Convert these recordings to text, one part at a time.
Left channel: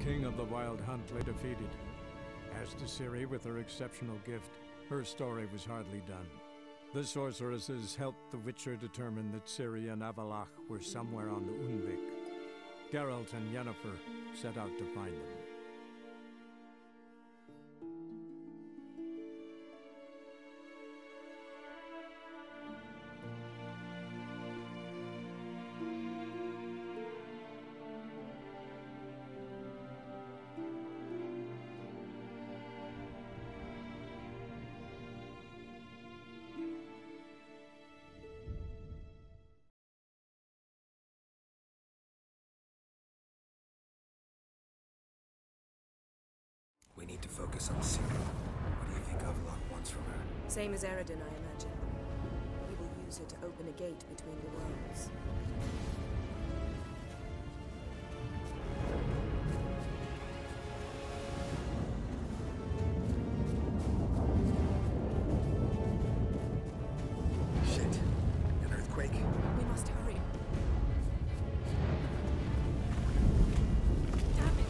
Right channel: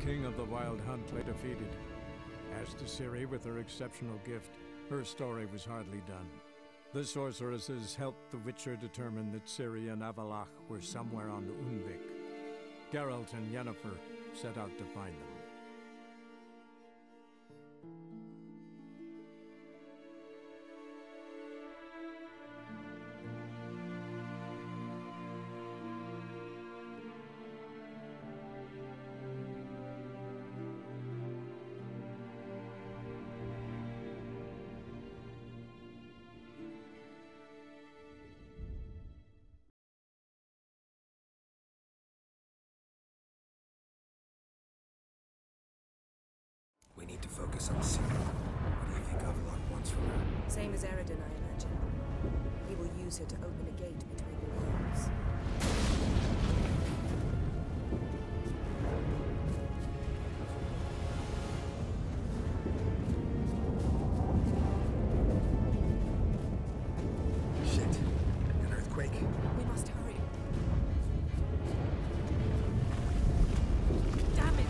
king of the Wild Hunt lay defeated. As to Ciri with her exceptional gift, her story was hardly done. The sorceresses helped the Witcher determine that Ciri and Avallac'h were somewhere on the Unvik. Geralt and Yennefer set out to find them. We need to focus on Ciri. What do you think Avallac'h wants from her? Same as Eredin, I imagine. He will use her to open a gate between the worlds. Shit. An earthquake? We must hurry. Damn it!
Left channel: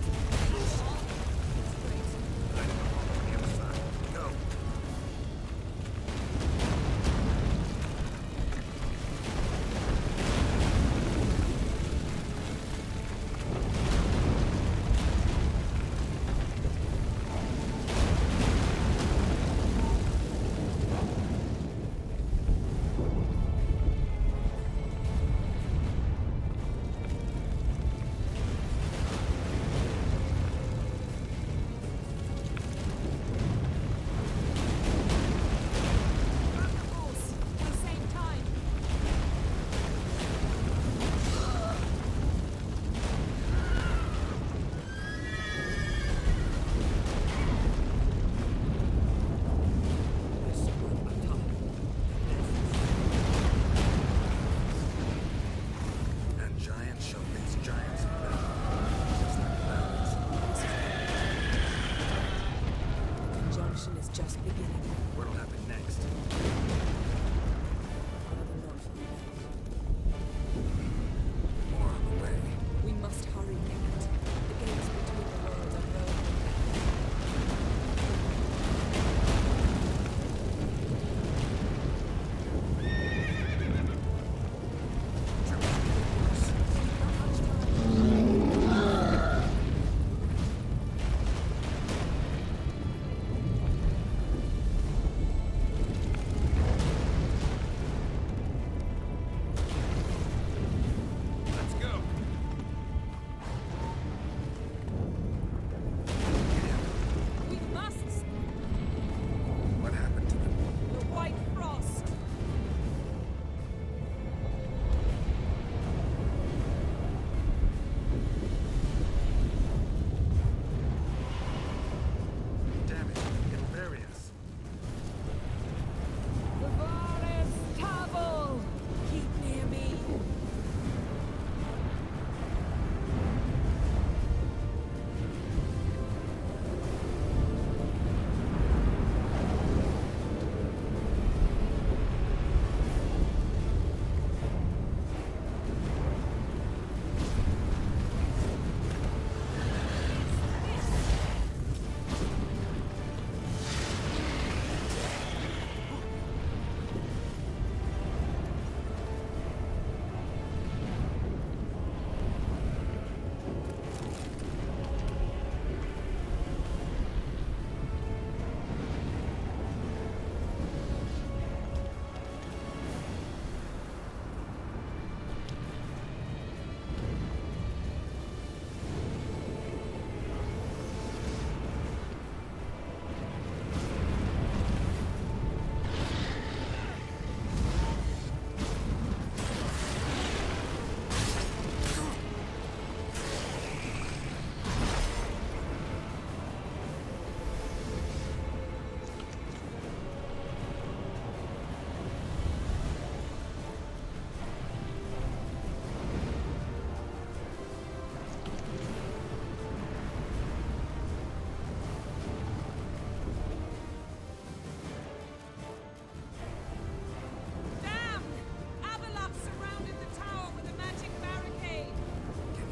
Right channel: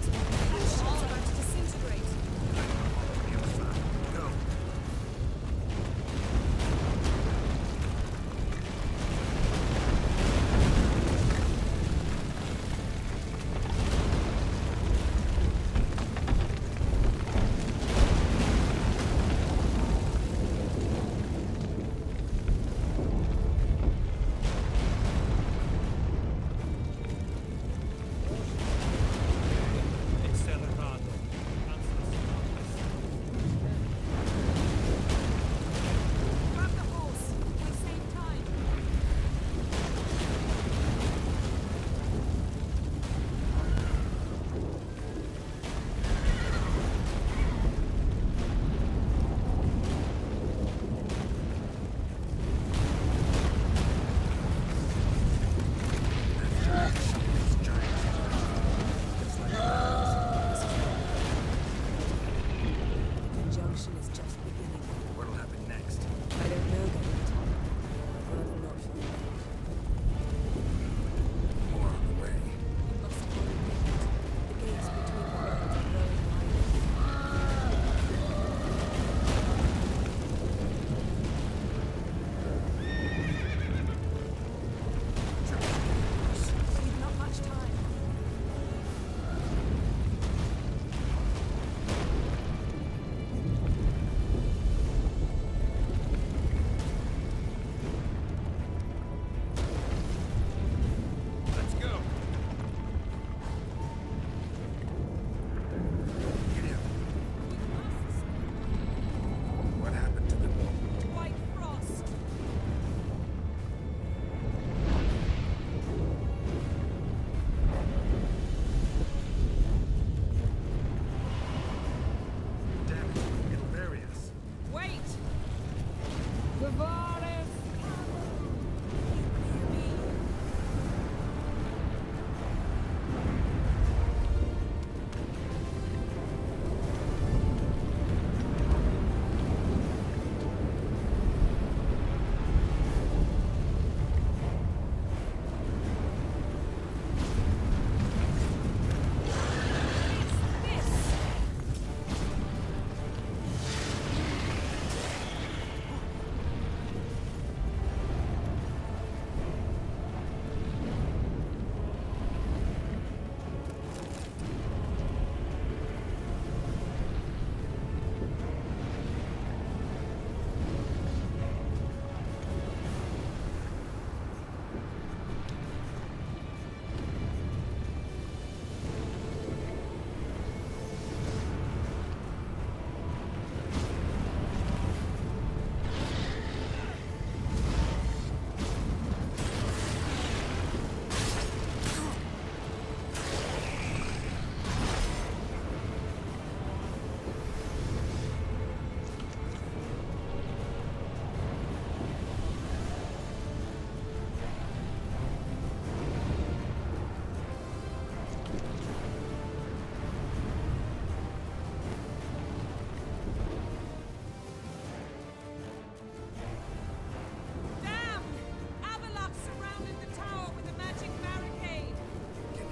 It's all going to disintegrate. On the other side. Go. Grab the horse. We'll save time. That giant shell-faced giant. Just like the The conjunction is just beginning. What'll happen next? I'd rather not find out. More on the way. We must hurry, Nickett. The gates between the worlds are growing wide. We've not much time. Let's go. Get out. We must! What happened to them? The White Frost! Damn it. It'll bury us. Wait! Gavaris Tabul! Keep near me.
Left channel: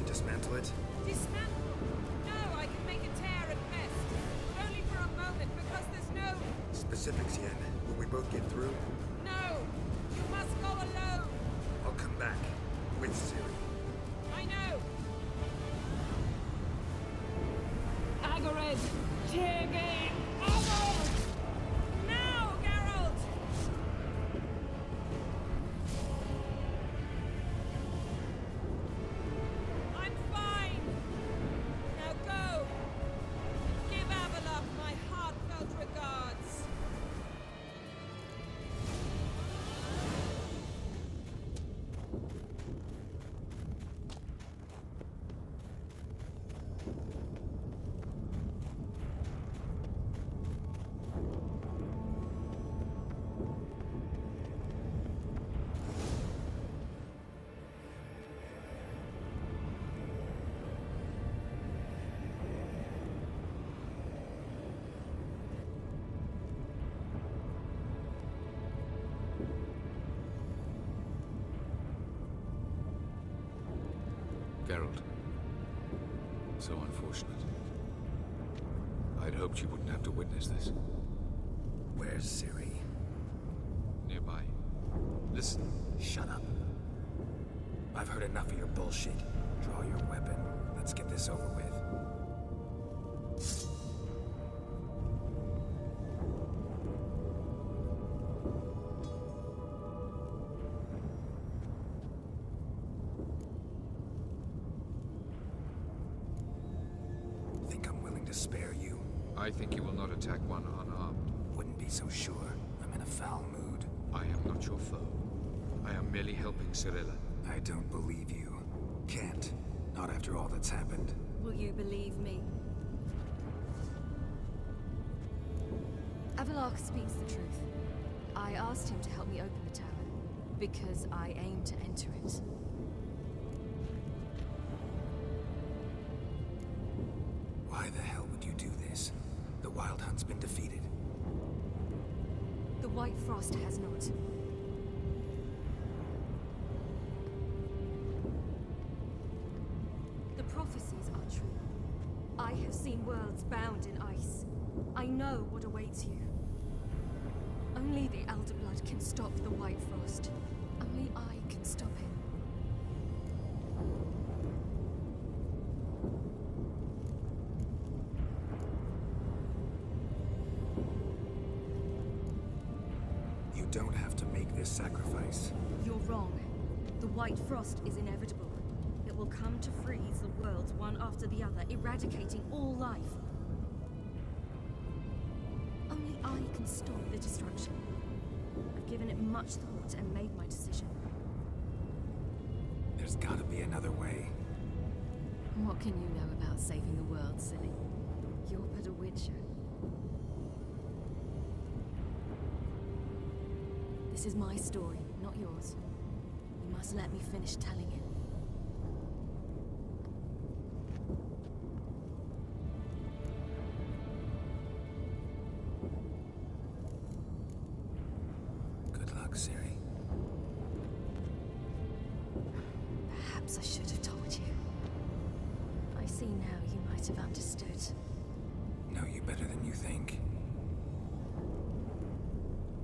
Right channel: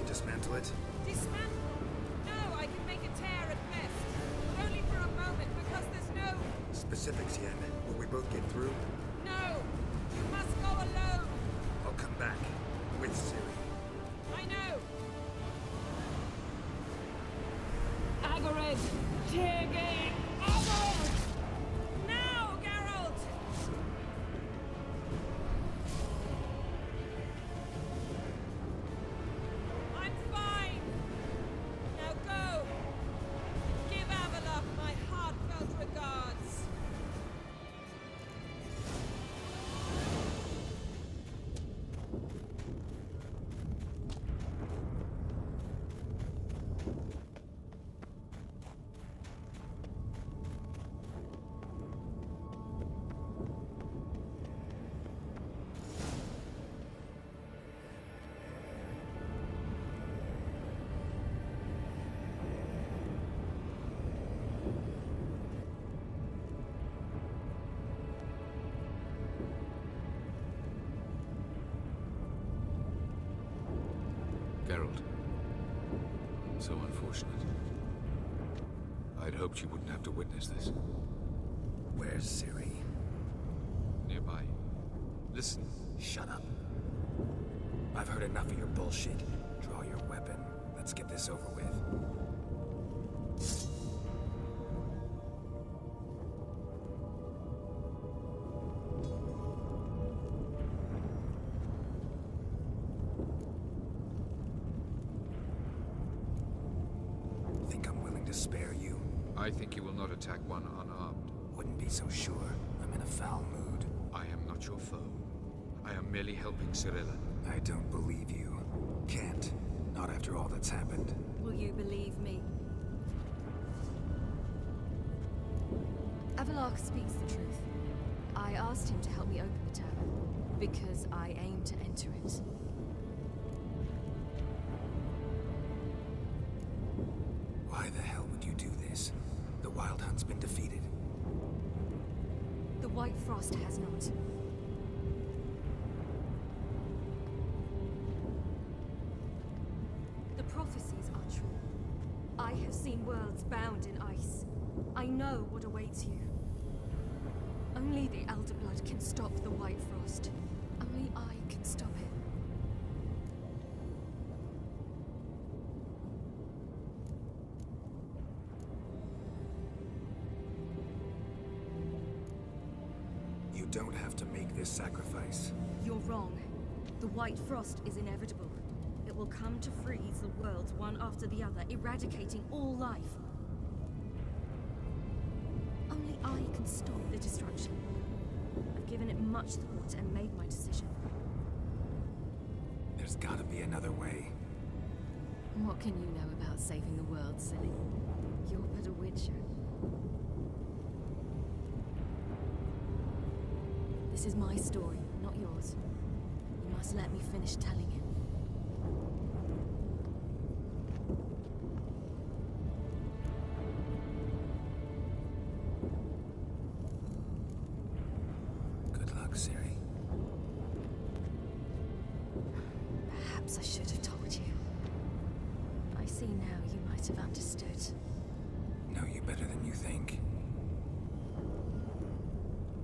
Dismantle it? Dismantle? No, specifics, Yen. Will we both get through? No! You must go alone! I'll come back. With Ciri. I know! Agared! Tirgate! Agared! Now, Geralt! I'm fine! Now go! And give Avallac'h my heartfelt regards! Geralt. So unfortunate. I'd hoped you wouldn't have to witness this. Where's Ciri? Nearby. Listen. Shut up. I've heard enough of your bullshit. Draw your weapon. Let's get this over with. Think I'm willing to spare you? I think you will not attack one unarmed. Wouldn't be so sure. I'm in a foul mood. I am not your foe. I am merely helping Cirilla. I don't believe you. Can't. Not after all that's happened. Will you believe me? Avallac'h speaks the truth. I asked him to help me open the tower, because I aim to enter it. Why the hell would you do this? The Wild Hunt's been defeated. The White Frost has not. The prophecies are true. I have seen worlds bound in ice. I know what awaits you. Only the Elder Blood can stop the White Frost. Only I can stop it. You don't have to make this sacrifice. You're wrong. The White Frost is inevitable. It will come to freeze the worlds one after the other, eradicating all life. Only I can stop the destruction. I've given it much thought and made my decision. There's gotta be another way. What can you know about saving the world, silly? You're but a witcher. This is my story, not yours. You must let me finish telling it. Good luck, Ciri. Perhaps I should have told you. I see now you might have understood. Know you better than you think.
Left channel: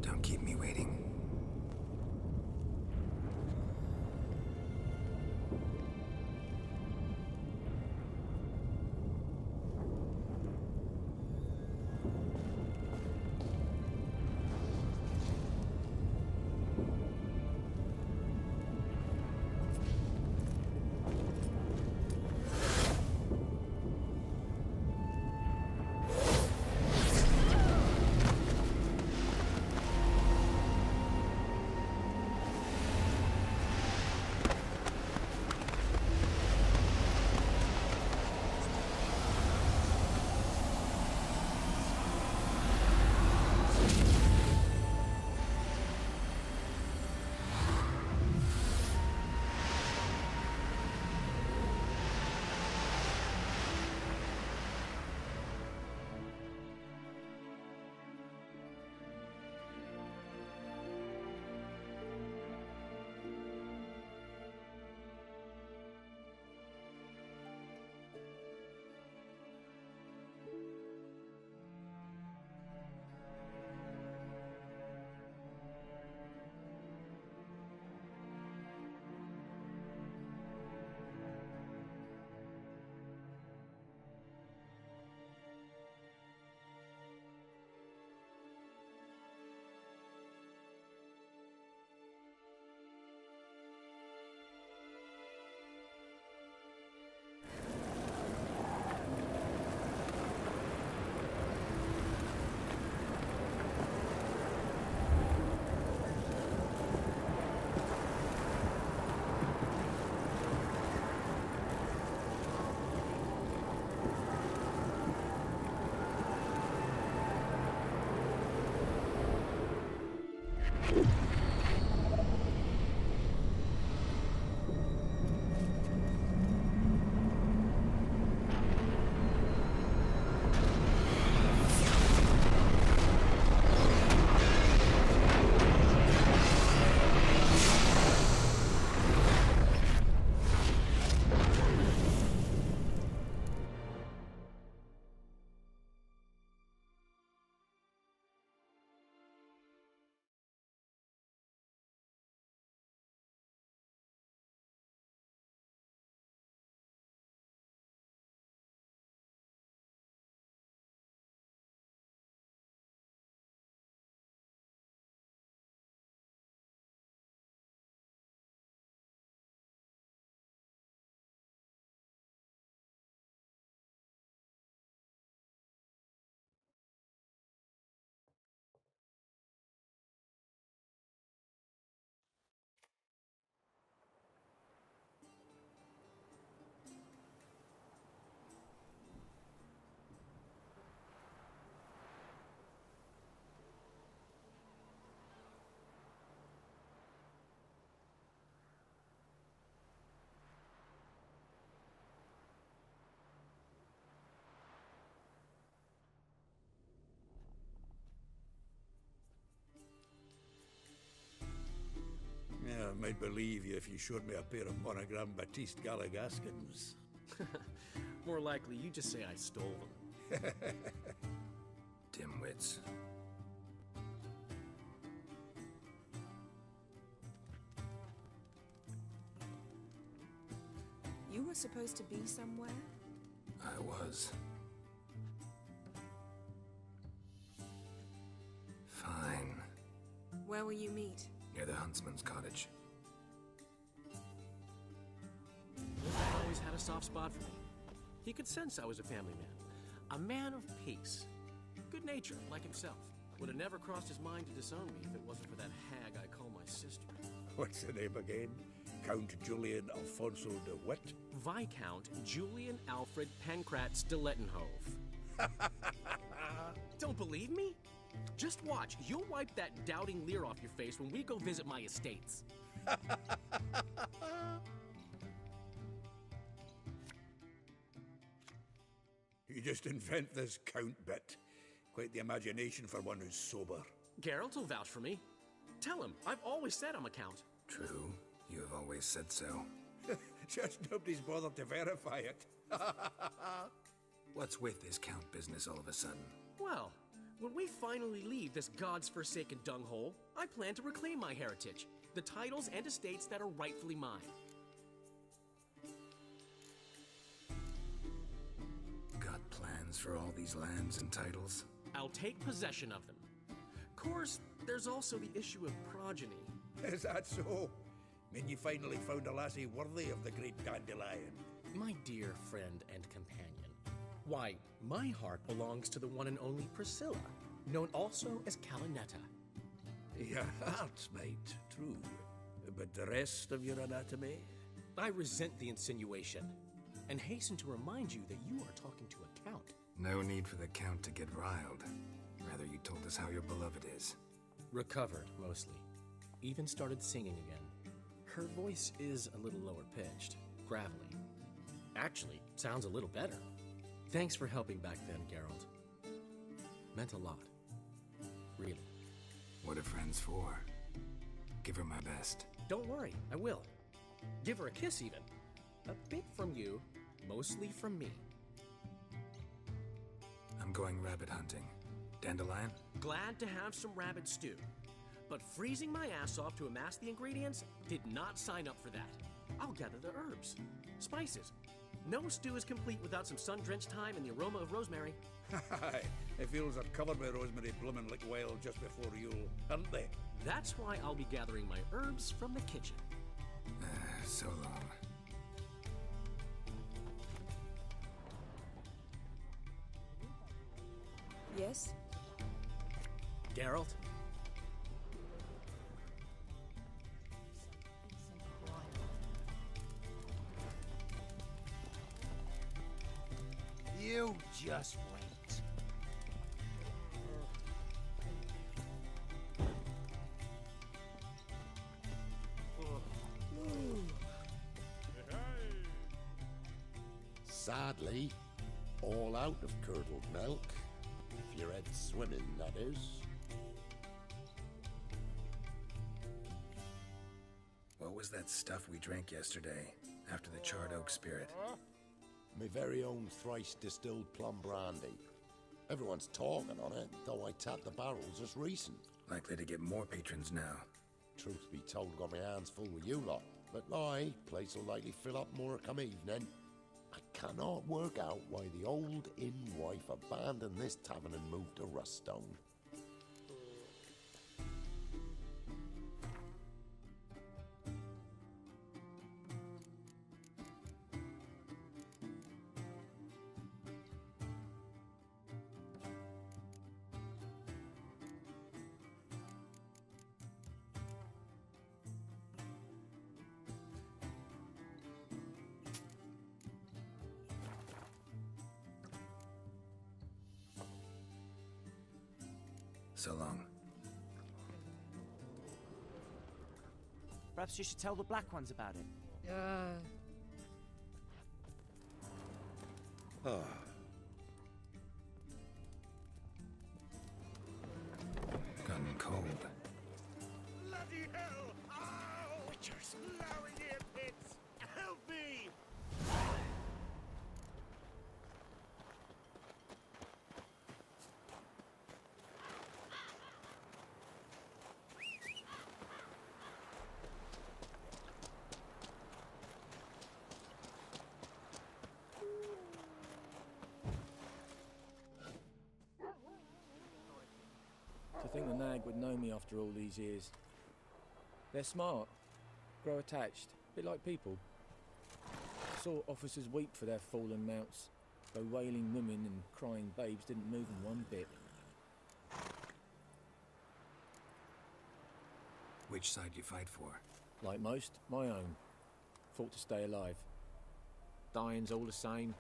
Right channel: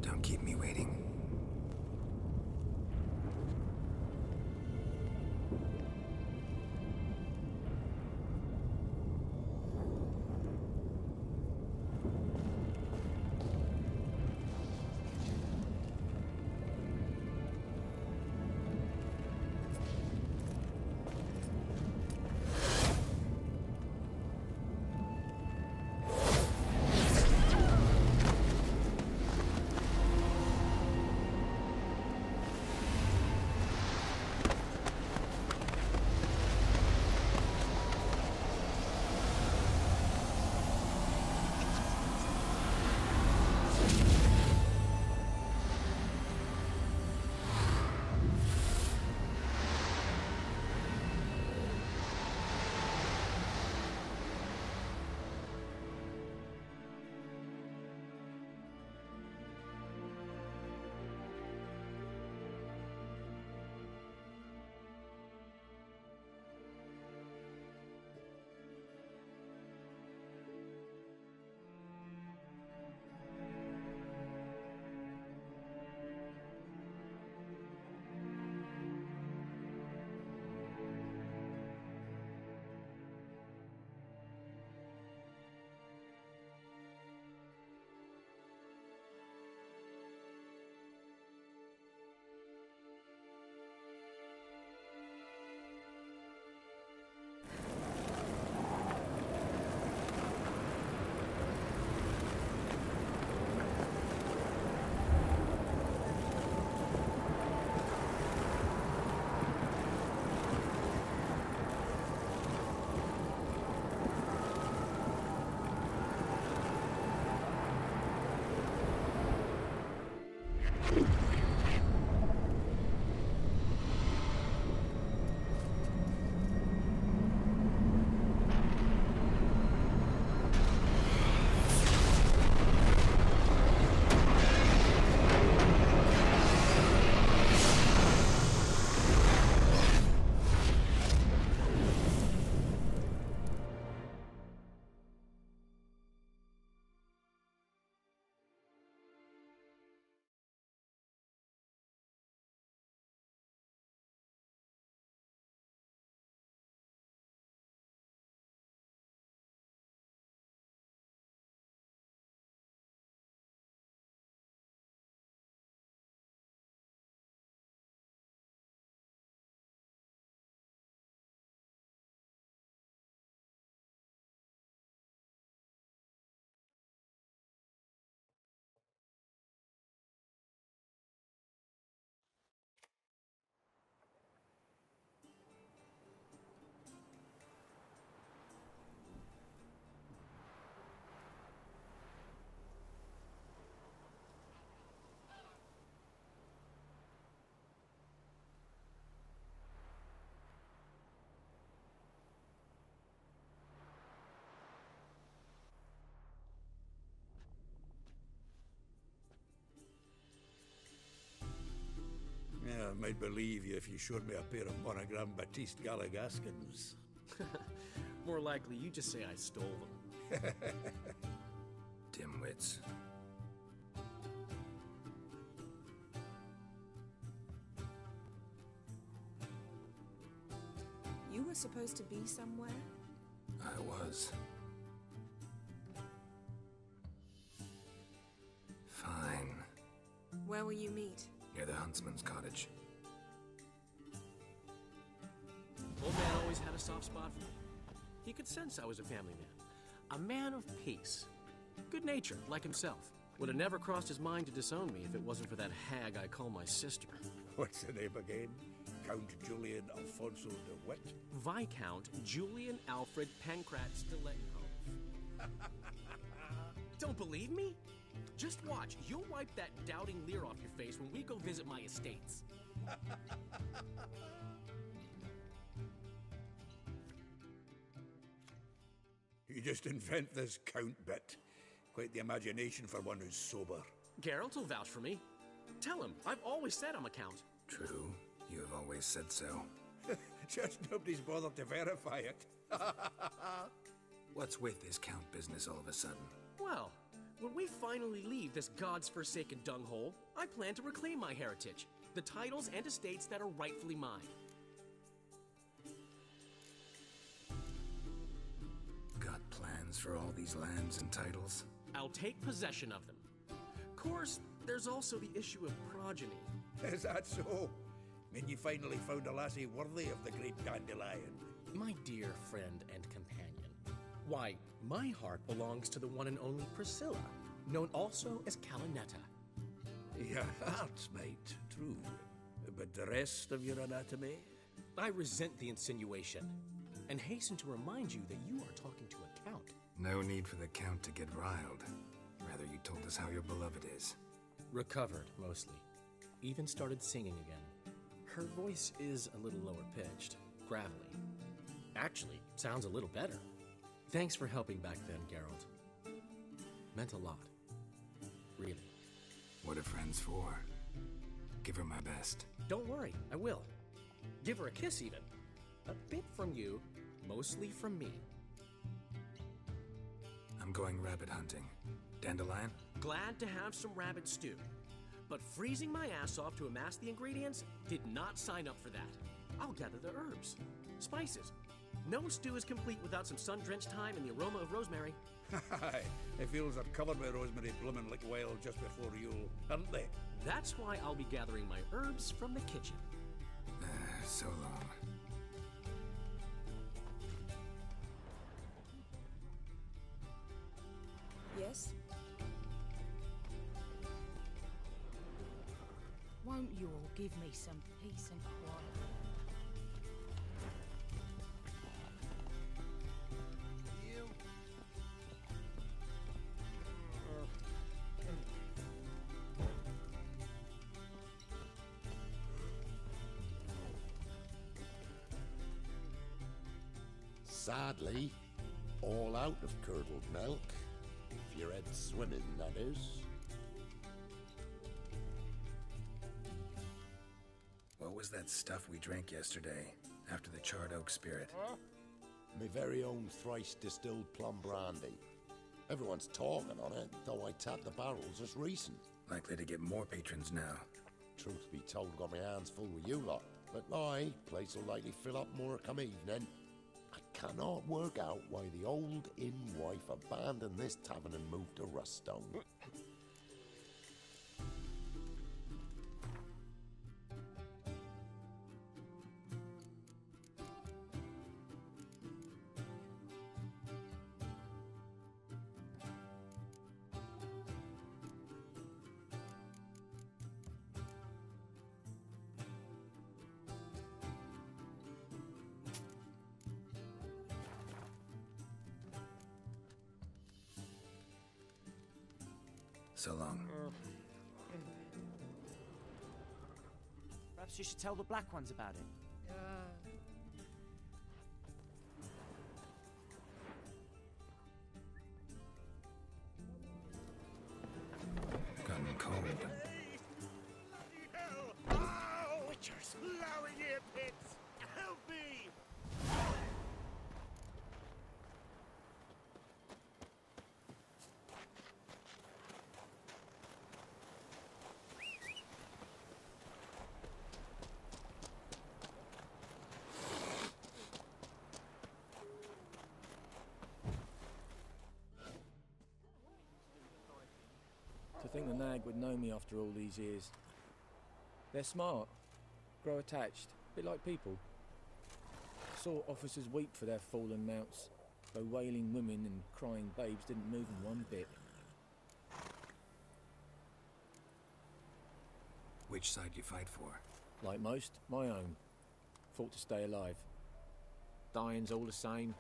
Don't keep me waiting. I'd believe you if you showed me a pair of monogram Batiste Galligaskins. More likely, you just say I stole them. Dimwits. You were supposed to be somewhere? I was. Fine. Where will you meet? Near the huntsman's cottage. Old man always had a soft spot for me. He could sense I was a family man. A man of peace. Good natured, like himself. Would have never crossed his mind to disown me if it wasn't for that hag I call my sister. What's the name again? Count Julian Alfonso de Witt? Viscount Julian Alfred Pancratz de Lettenhove. Don't believe me? Just watch. You'll wipe that doubting leer off your face when we go visit my estates. You just invent this count bit. Quite the imagination for one who's sober. Geralt will vouch for me. Tell him, I've always said I'm a count. True. You have always said so. Just nobody's bothered to verify it. What's with this count business all of a sudden? Well, when we finally leave this God's forsaken dunghole, I plan to reclaim my heritage, the titles and estates that are rightfully mine. Got plans for all these lands and titles? I'll take possession of them. Of course, there's also the issue of progeny. Is that so? Mean you finally found a lassie worthy of the great dandelion? My dear friend and companion, why, my heart belongs to the one and only Priscilla, known also as Calinetta. Your heart, mate, true. But the rest of your anatomy? I resent the insinuation, and hasten to remind you that you are talking to a count. No need for the count to get riled. Rather, you told us how your beloved is. Recovered, mostly. Even started singing again. Her voice is a little lower pitched, gravelly. Actually, sounds a little better. Thanks for helping back then, Geralt. Meant a lot. Really. What are friends for? Give her my best. Don't worry, I will. Give her a kiss, even. A bit from you, mostly from me. I'm going rabbit hunting. Dandelion? Glad to have some rabbit stew. But freezing my ass off to amass the ingredients did not sign up for that. I'll gather the herbs, spices. No stew is complete without some sun-drenched thyme and the aroma of rosemary. Aye, the fields are covered with rosemary blooming like wild just before Yule, aren't they? That's why I'll be gathering my herbs from the kitchen. So long. Yes? Geralt? Won't you all give me some peace and quiet? You just wait. Sadly, all out of curdled milk. If you're head swimming, that is. What was that stuff we drank yesterday, after the charred oak spirit? My very own thrice distilled plum brandy. Everyone's talking on it, though I tapped the barrels just recent. Likely to get more patrons now. Truth be told, got my hands full with you lot. But aye, place will likely fill up more come evening. I cannot work out why the old inn wife abandoned this tavern and moved to Ruststone. So long. Perhaps you should tell the black ones about it. Gotten cold. Bloody hell! Ow! Witchers! To think the nag would know me after all these years. They're smart, grow attached, a bit like people. Saw officers weep for their fallen mounts, though wailing women and crying babes didn't move them one bit. Which side you fight for? Like most, my own. Fought to stay alive. Dying's all the same.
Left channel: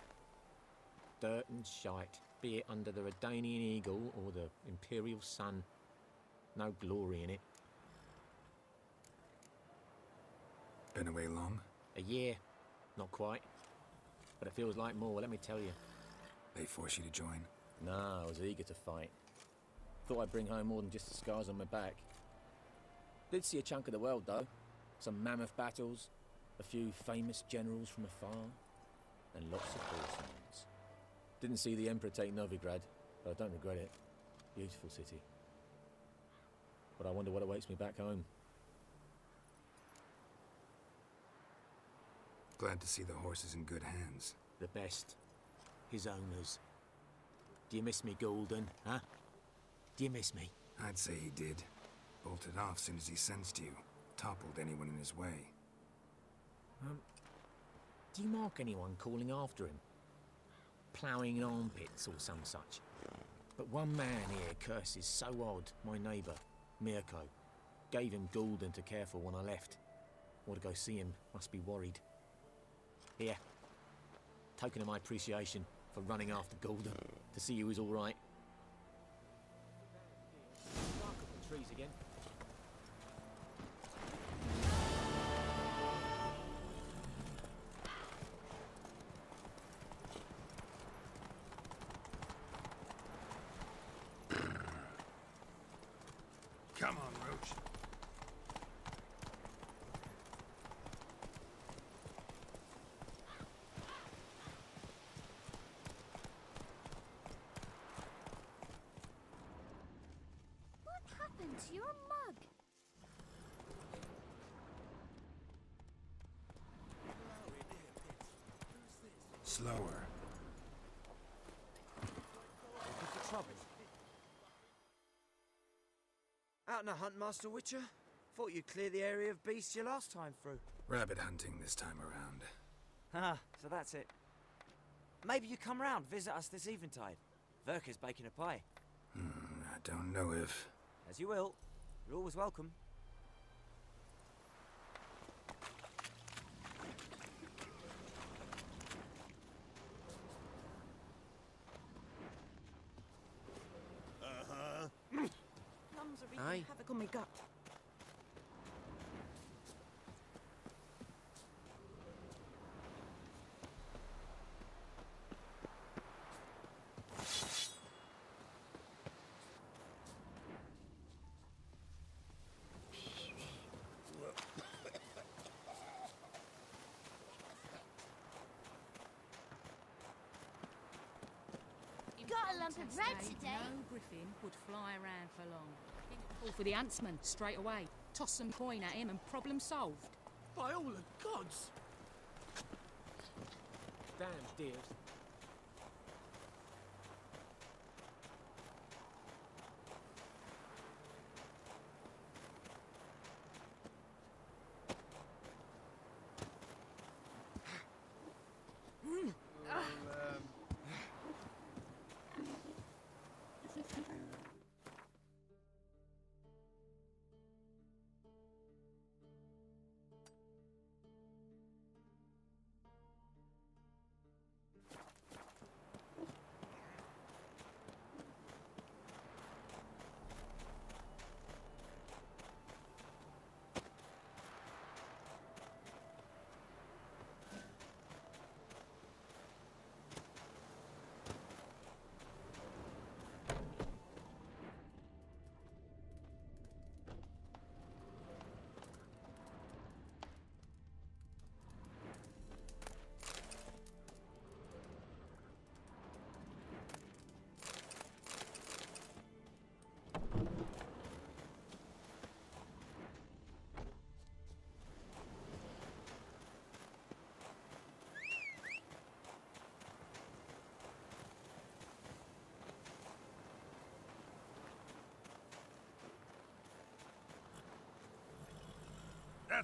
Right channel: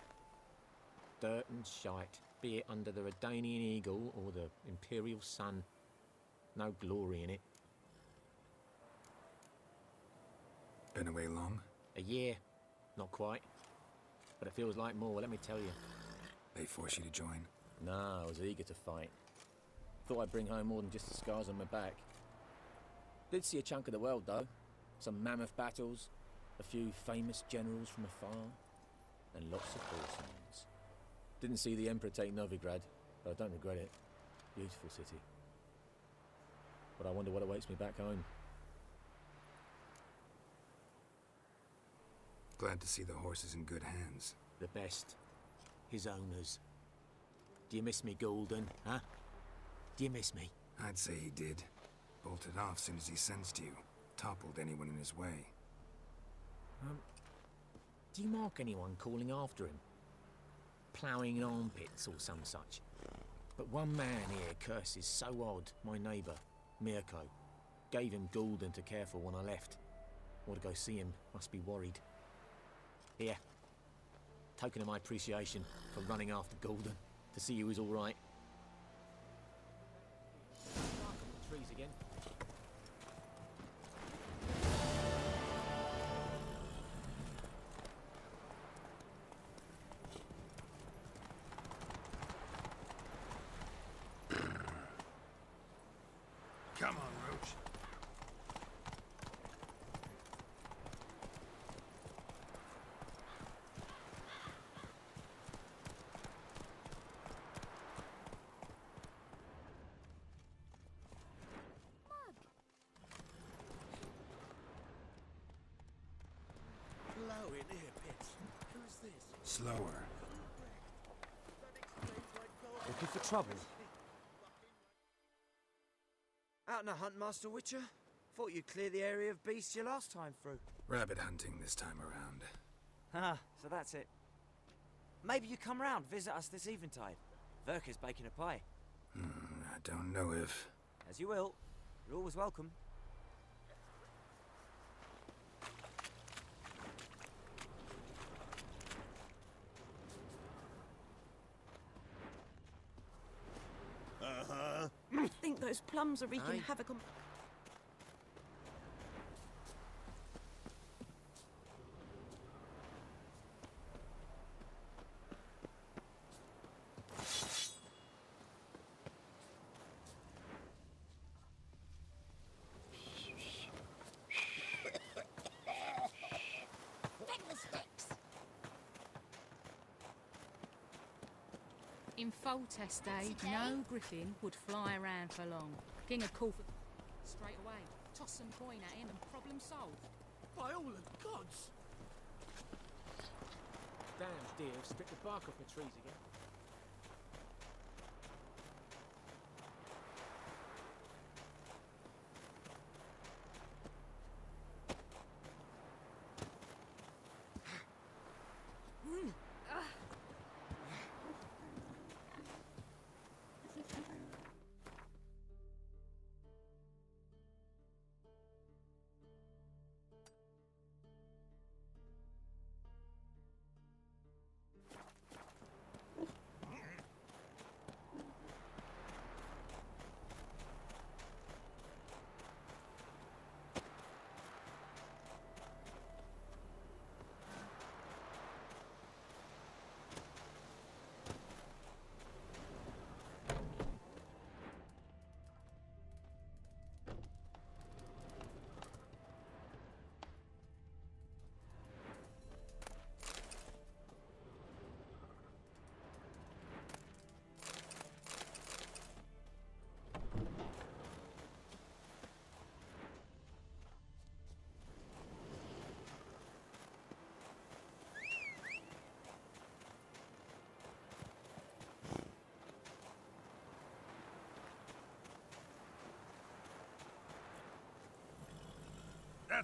Dirt and shite, be it under the Redanian Eagle or the Imperial Sun. No glory in it. Been away long? A year. Not quite. But it feels like more, let me tell you. They force you to join? Nah, I was eager to fight. Thought I'd bring home more than just the scars on my back. Did see a chunk of the world, though. Some mammoth battles, a few famous generals from afar, and lots of horsemen. Didn't see the Emperor take Novigrad, but I don't regret it. Beautiful city. But I wonder what awaits me back home. Glad to see the horse is in good hands. The best. His owners. Do you miss me, Golden, huh? Do you miss me? I'd say he did. Bolted off soon as he sensed you. Toppled anyone in his way. Do you mark anyone calling after him? Ploughing in armpits or some such? But one man here curses so odd, my neighbour, Mirko. Gave him Gulden to care for when I left. Want to go see him, must be worried. Here. Token of my appreciation for running after Gulden, to see he was all right. Bark up the trees again. Come on, Roach. What happened to your mug? Hello in here, Pitts. Who's this? Slower. Looking for trouble? Out on a hunt, Master Witcher? Thought you'd clear the area of beasts your last time through. Rabbit hunting this time around. Ah, so that's it. Maybe you come round, visit us this eventide. Verka's baking a pie. I don't know if... As you will. You're always welcome. I think those plums are wreaking Aye. havoc on my gut. In Got a lump of Foltest bread days, today? no griffin would fly around for long. King would call for the huntsman straight away, toss some coin at him and problem solved. By all the gods! Damn deer, spit the bark off the trees again.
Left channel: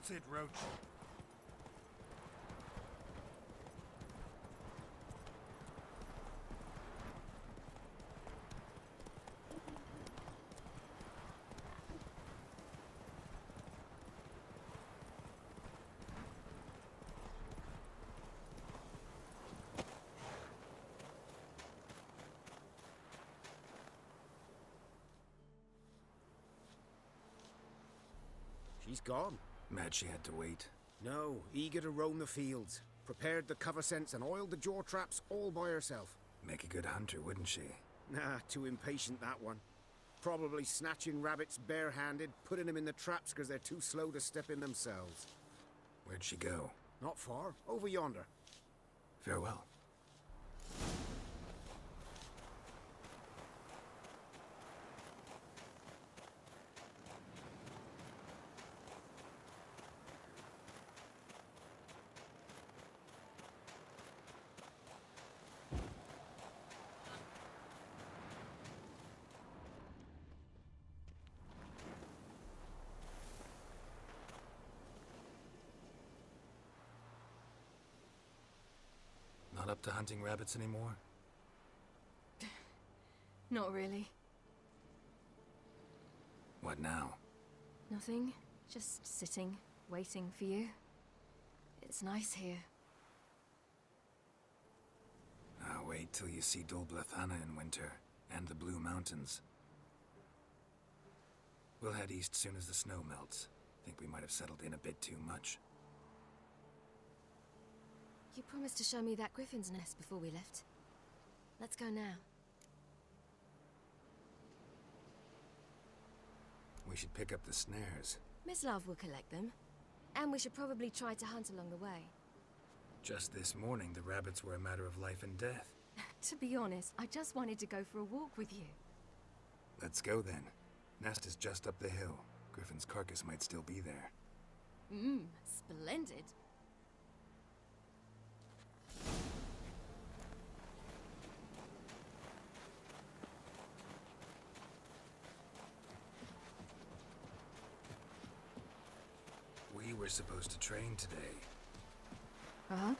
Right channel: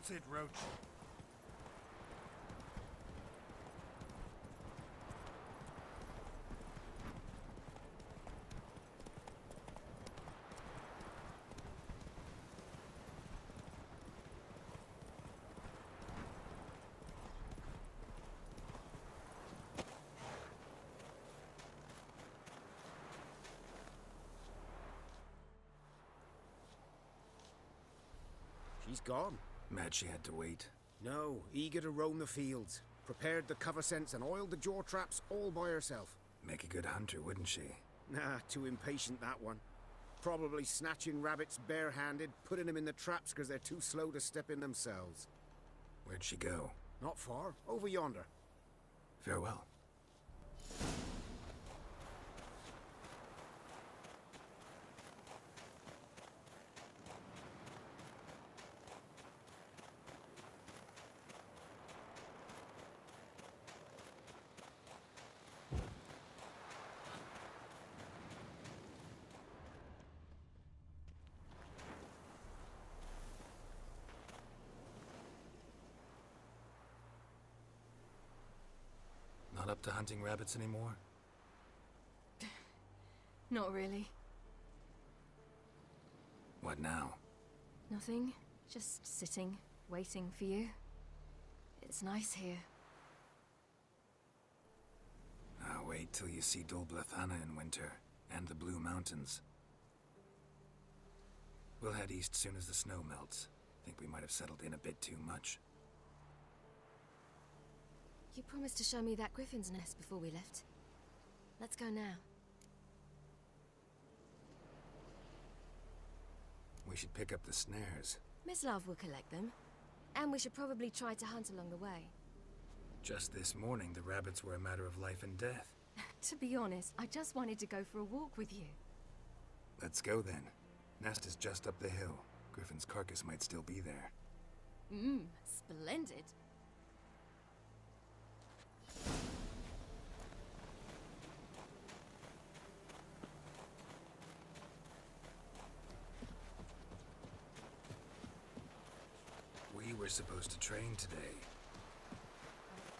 That's it, Roach. She's gone. Mad she had to wait. No, eager to roam the fields. Prepared the cover scents and oiled the jaw traps all by herself. Make a good hunter, wouldn't she? Nah, too impatient, that one. Probably snatching rabbits barehanded, putting them in the traps because they're too slow to step in themselves. Where'd she go? Not far. Over yonder. Farewell. Not up to hunting rabbits anymore? Not really. What now? Nothing. Just sitting, waiting for you. It's nice here. Wait till you see Dol Blathanna in winter, and the Blue Mountains. We'll head east soon as the snow melts. Think we might have settled in a bit too much. You promised to show me that griffin's nest before we left. Let's go now. We should pick up the snares. Mislav will collect them. And we should probably try to hunt along the way. Just this morning, the rabbits were a matter of life and death. To be honest, I just wanted to go for a walk with you. Let's go then. Nest is just up the hill. Griffin's carcass might still be there. Splendid. We were supposed to train today. Uh-huh.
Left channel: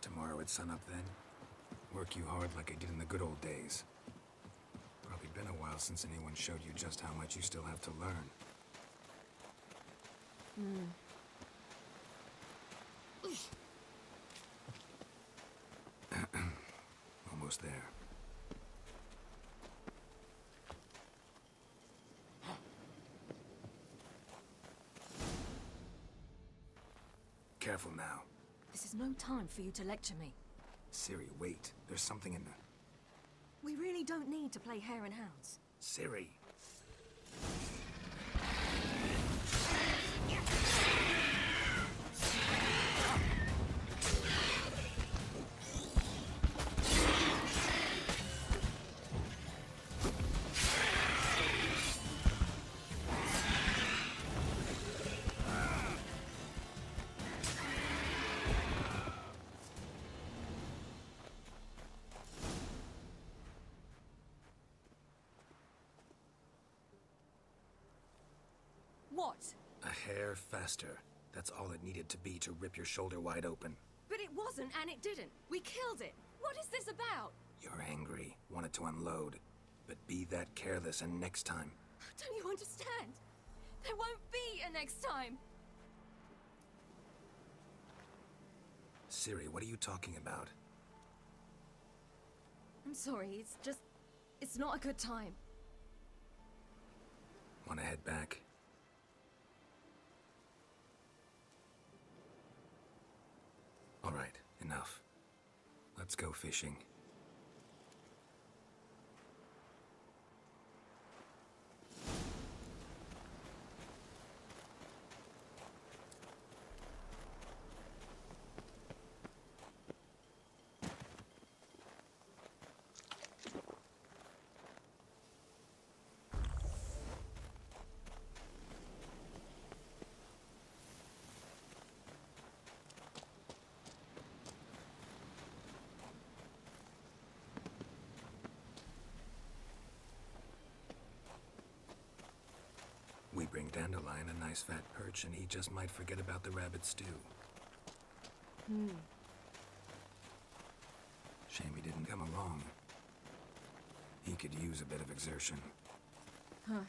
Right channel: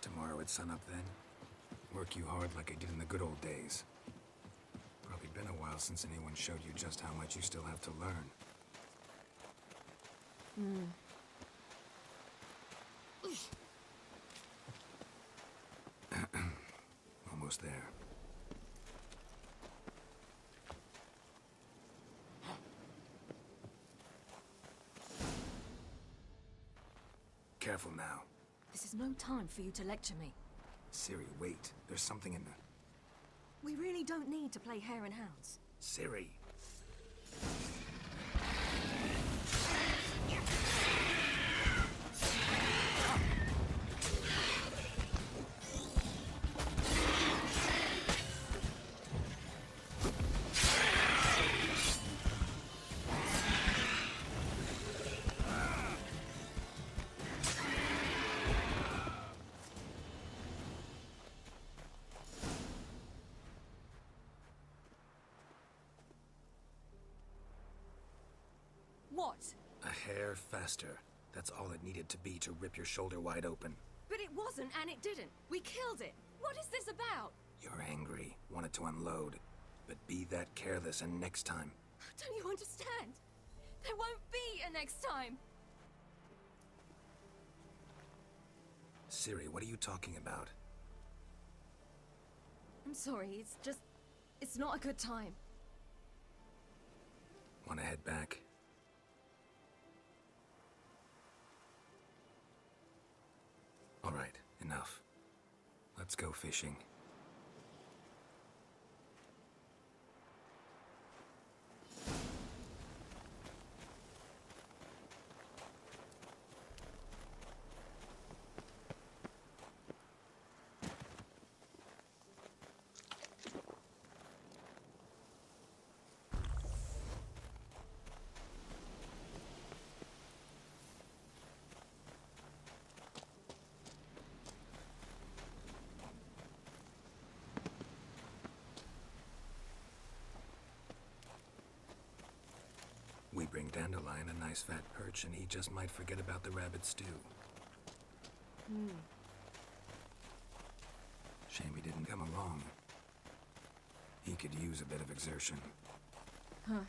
Tomorrow at sunup then. Work you hard like I did in the good old days. Probably been a while since anyone showed you just how much you still have to learn. Almost there. Careful now. This is no time for you to lecture me. Ciri, wait. There's something in the... We really don't need to play hare and hounds. Ciri. What? A hair faster. That's all it needed to be to rip your shoulder wide open. But it wasn't, and it didn't. We killed it. What is this about? You're angry, wanted to unload. But be that careless, and next time... Don't you understand? There won't be a next time. Ciri, what are you talking about? I'm sorry, it's just... It's not a good time. Want to head back? All right, enough. Let's go fishing. nice fat perch and he just might forget about the rabbit stew. Shame he didn't come along. He could use a bit of exertion. Huh.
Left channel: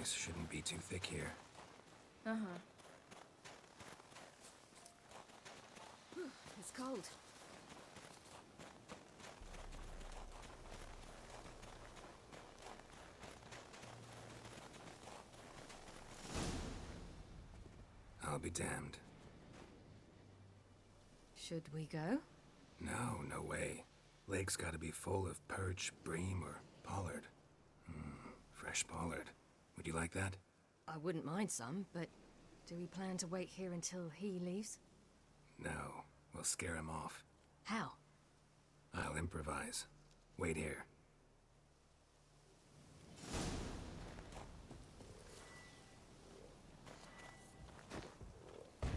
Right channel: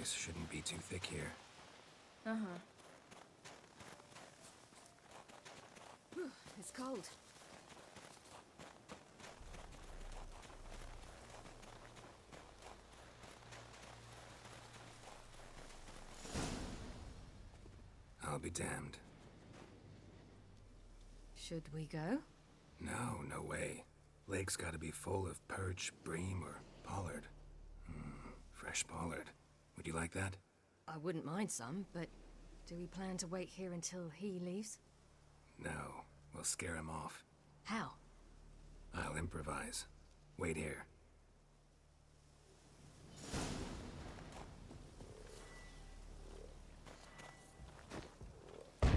Ice shouldn't be too thick here. Uh-huh. It's cold. I'll be damned. Should we go? No, no way. Lake's gotta be full of perch, bream, or pollard. Fresh pollard. Would you like that? I wouldn't mind some, but do we plan to wait here until he leaves? No. We'll scare him off. How? I'll improvise. Wait here. An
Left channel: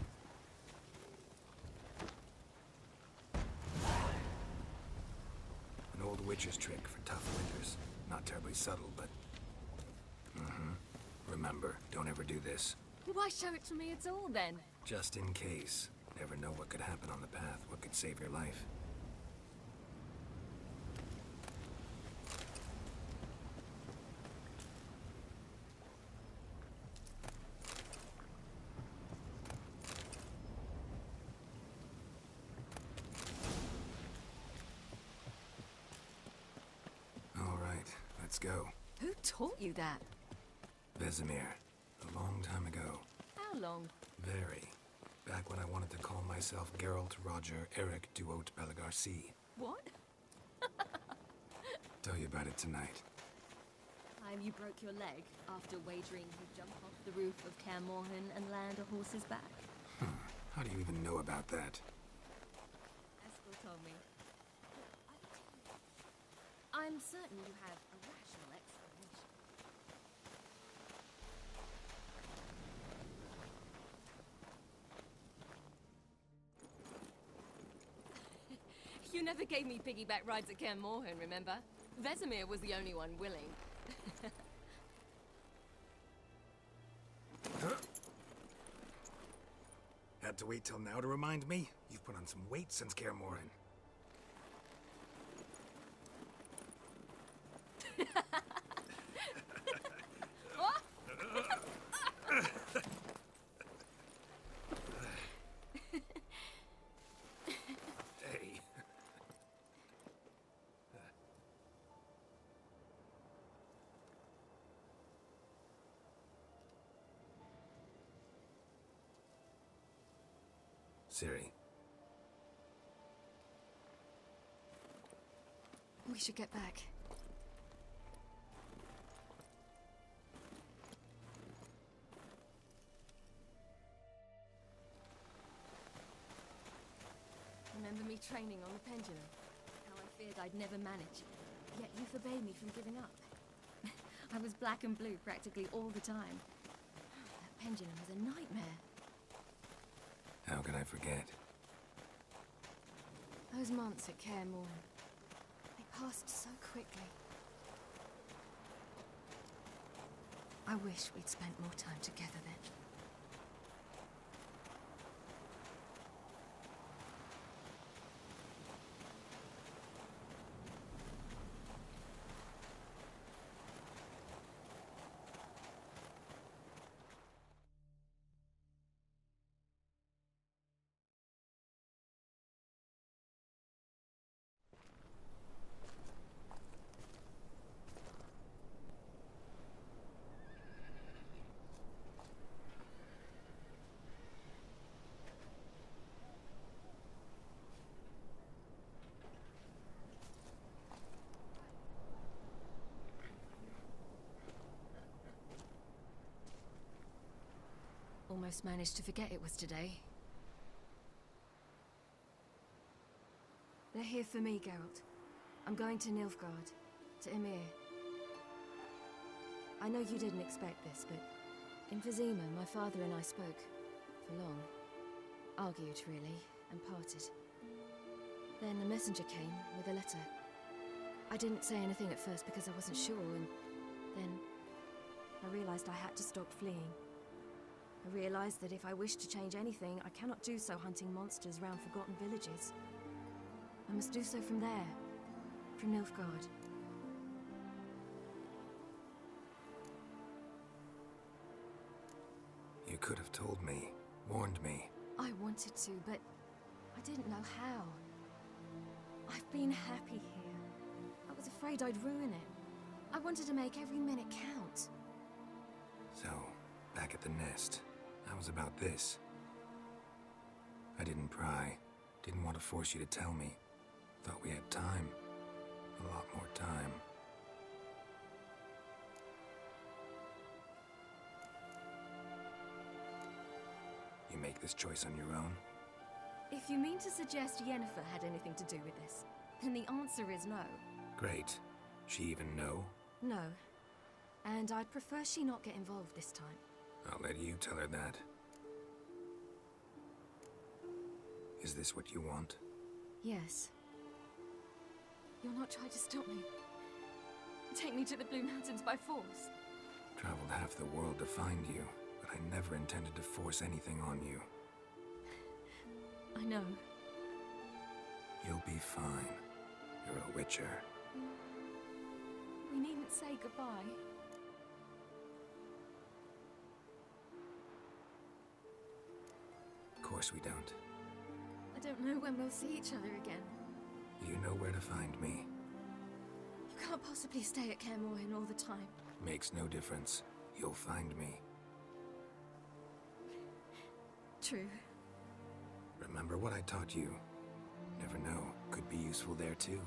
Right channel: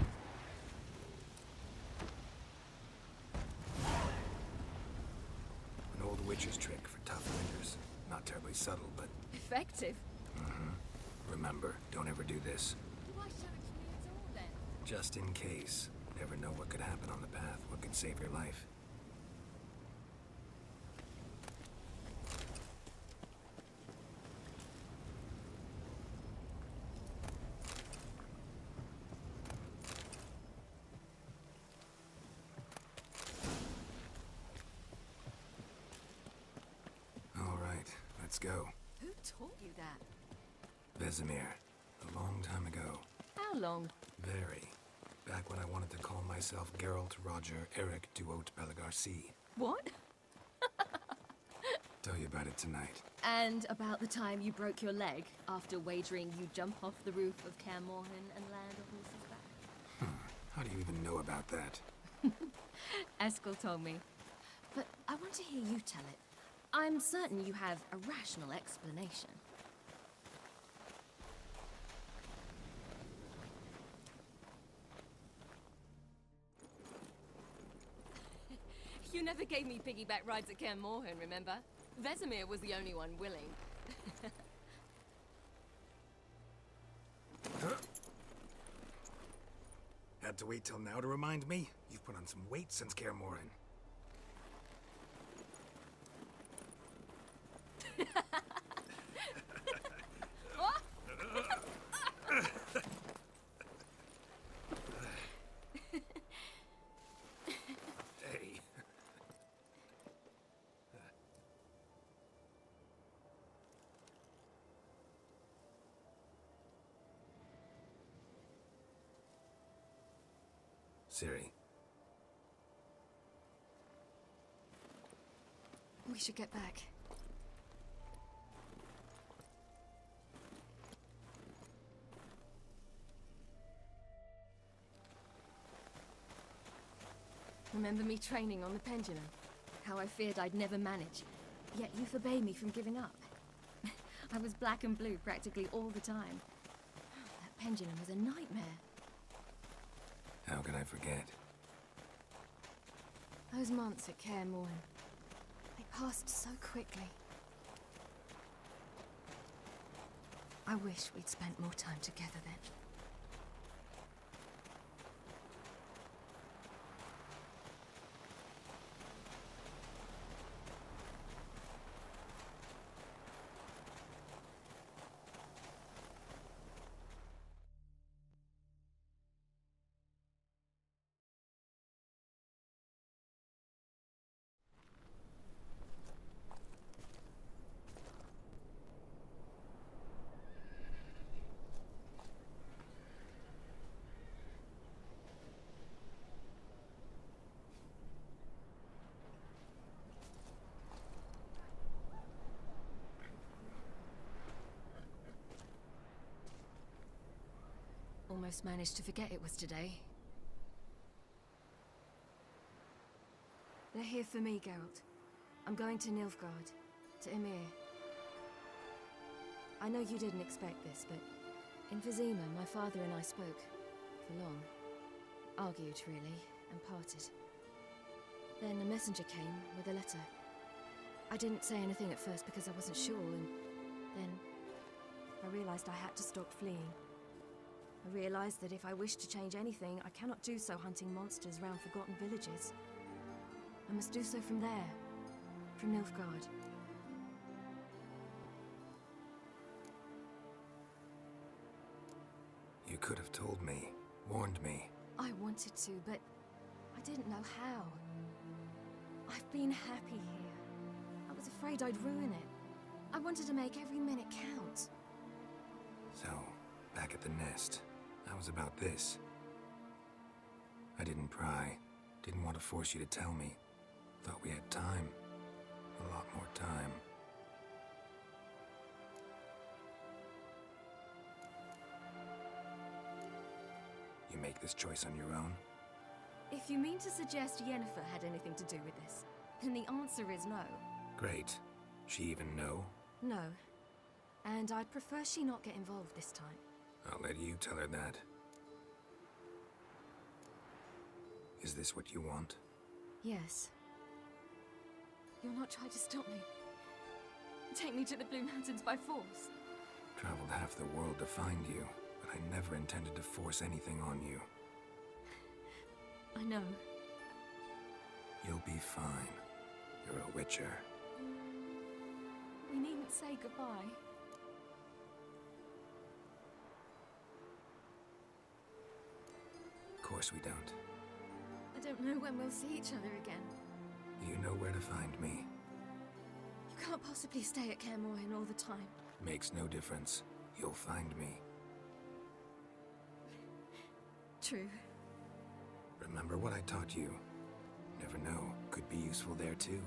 old witch's trick for tough winters. Not terribly subtle, but... Effective? Remember, don't ever do this. Why show it to me at all, then? Just in case. Never know what could happen on the path, what could save your life. All right, let's go. Who taught you that? Vesemir. A long time ago. How long? Very. Back when I wanted to call myself Geralt Roger Eric Duot Belagarcy. What? Tell you about it tonight. And about the time you broke your leg after wagering you jump off the roof of Kaer Morhen and land a horse's back. How do you even know about that? Eskel told me. But I want to hear you tell it. I'm certain you have a rational explanation. You never gave me piggyback rides at Kaer Morhen, remember? Vesemir was the only one willing. Had to wait till now to remind me? You've put on some weight since Kaer Morhen. Hey. Ciri. We should get back. Remember me training on the pendulum? How I feared I'd never manage. Yet you forbade me from giving up. I was black and blue practically all the time. That pendulum was a nightmare. How could I forget? Those months at Kaer Morhen, they passed so quickly. I wish we'd spent more time together then. Almost managed to forget it was today. They're here for me, Geralt. I'm going to Nilfgaard, to Ymir. I know you didn't expect this, but In Vizima, my father and I spoke. For long. Argued, really, and parted. Then a messenger came with a letter. I didn't say anything at first because I wasn't sure, and then I realized I had to stop fleeing. I realized that if I wish to change anything, I cannot do so hunting monsters round forgotten villages. I must do so from there, from Nilfgaard. You could have told me, warned me. I wanted to, but I didn't know how. I've been happy here. I was afraid I'd ruin it. I wanted to make every minute count. So, back at the nest, I was about this. I didn't pry. Didn't want to force you to tell me. Thought we had time. A lot more time. You make this choice on your own? If you mean to suggest Yennefer had anything to do with this, then the answer is no. Great. She even know? No. And I'd prefer she not get involved this time. I'll let you tell her that. Is this what you want? Yes. You'll not try to stop me. Take me to the Blue Mountains by force. Traveled half the world to find you, but I never intended to force anything on you. I know. You'll be fine. You're a Witcher. We needn't say goodbye. Of course we don't. I don't know when we'll see each other again. You know where to find me. You can't possibly stay at Kaer Morhen all the time. Makes no difference. You'll find me. True. Remember what I taught you. Never know, could be useful there too.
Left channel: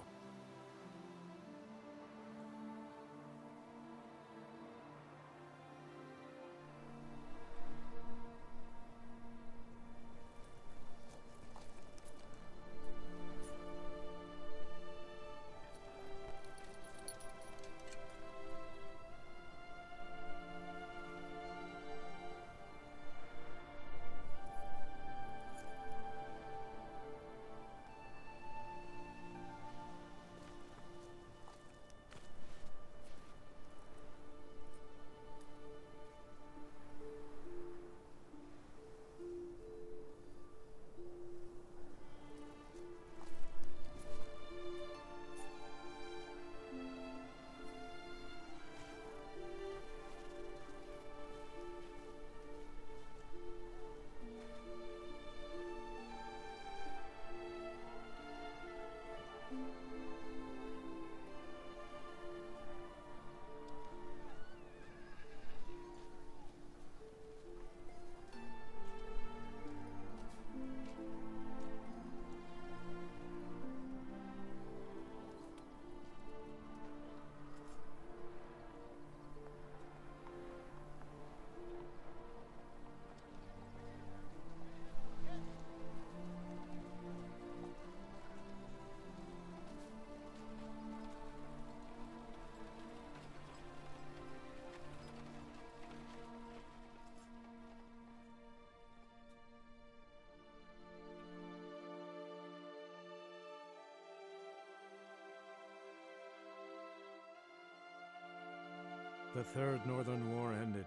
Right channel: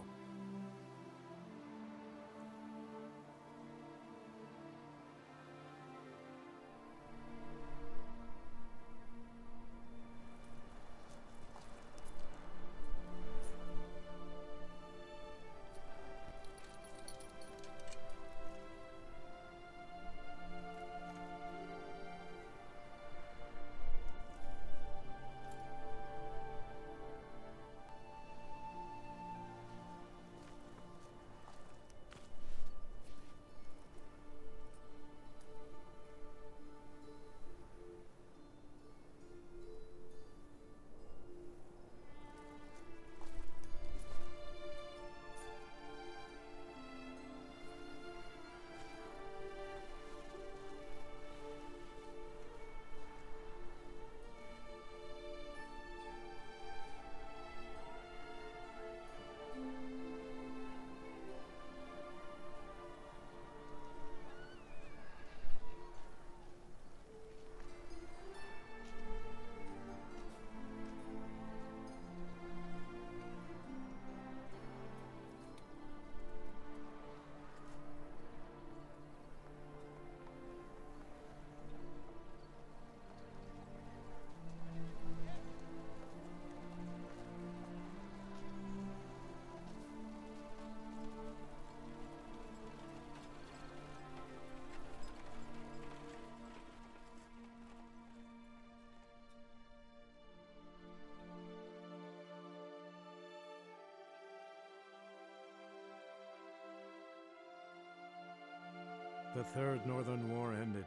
The Third Northern War ended.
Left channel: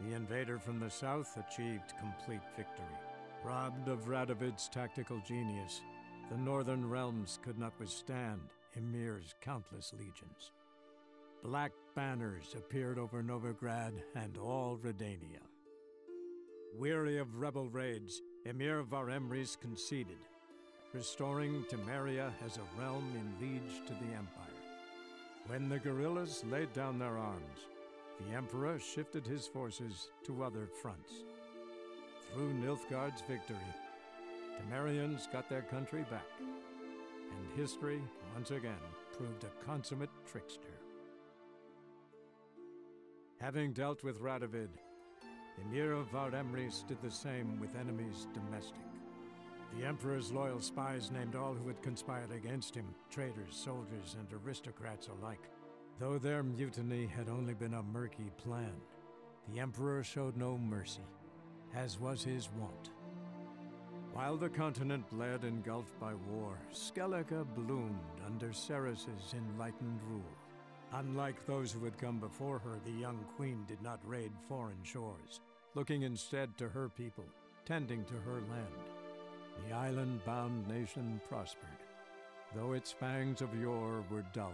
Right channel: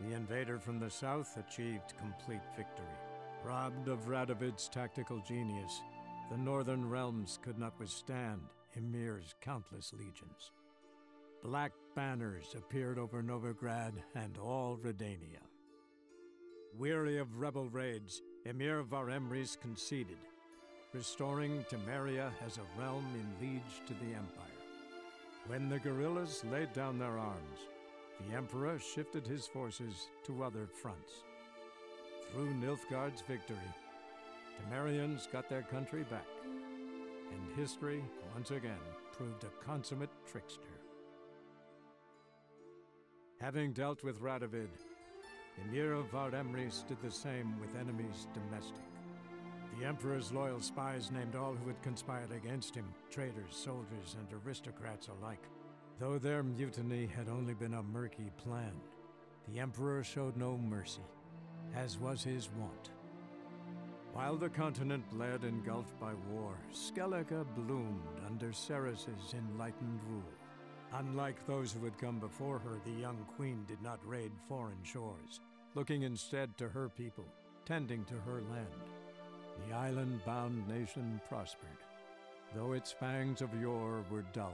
The invader from the south achieved complete victory. Robbed of Radovid's tactical genius, the northern realms could not withstand Ymir's countless legions. Black banners appeared over Novigrad and all Redania. Weary of rebel raids, Ymir var Emreis conceded, restoring Temeria as a realm in liege to the Empire. When the guerrillas laid down their arms, the Emperor shifted his forces to other fronts. Through Nilfgaard's victory, Temerians got their country back, and history once again proved a consummate trickster. Having dealt with Radovid, Ymir var Emreis did the same with enemies domestic. The Emperor's loyal spies named all who had conspired against him, traitors, soldiers, and aristocrats alike. Though their mutiny had only been a murky plan, the Emperor showed no mercy, as was his wont. While the continent bled engulfed by war, Skellige bloomed under Ceres's enlightened rule. Unlike those who had come before her, the young queen did not raid foreign shores, looking instead to her people, tending to her land. The island-bound nation prospered, though its fangs of yore were dulled.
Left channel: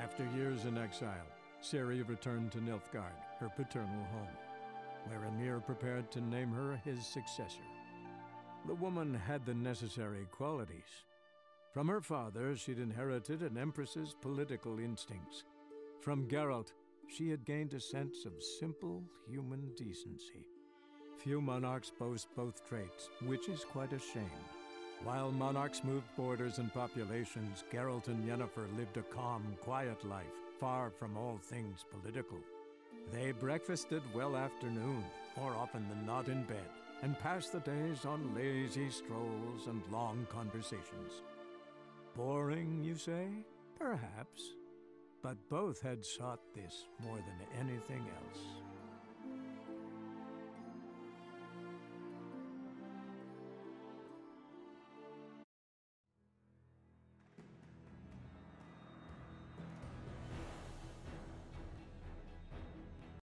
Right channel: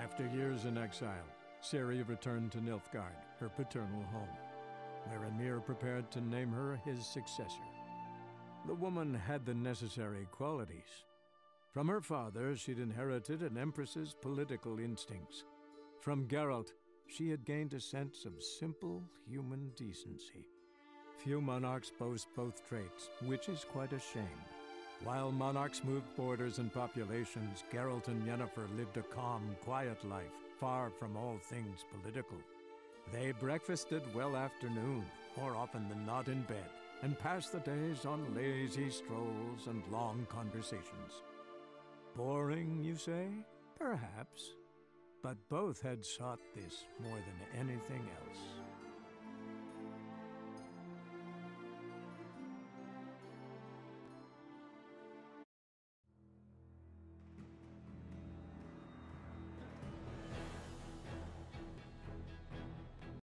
After years in exile, Ciri returned to Nilfgaard, her paternal home, where Emir prepared to name her his successor. The woman had the necessary qualities. From her father, she'd inherited an empress's political instincts. From Geralt, she had gained a sense of simple human decency. Few monarchs boast both traits, which is quite a shame. While monarchs moved borders and populations, Geralt and Yennefer lived a calm, quiet life, far from all things political. They breakfasted well after noon, more often than not in bed, and passed the days on lazy strolls and long conversations. Boring, you say? Perhaps. But both had sought this more than anything else.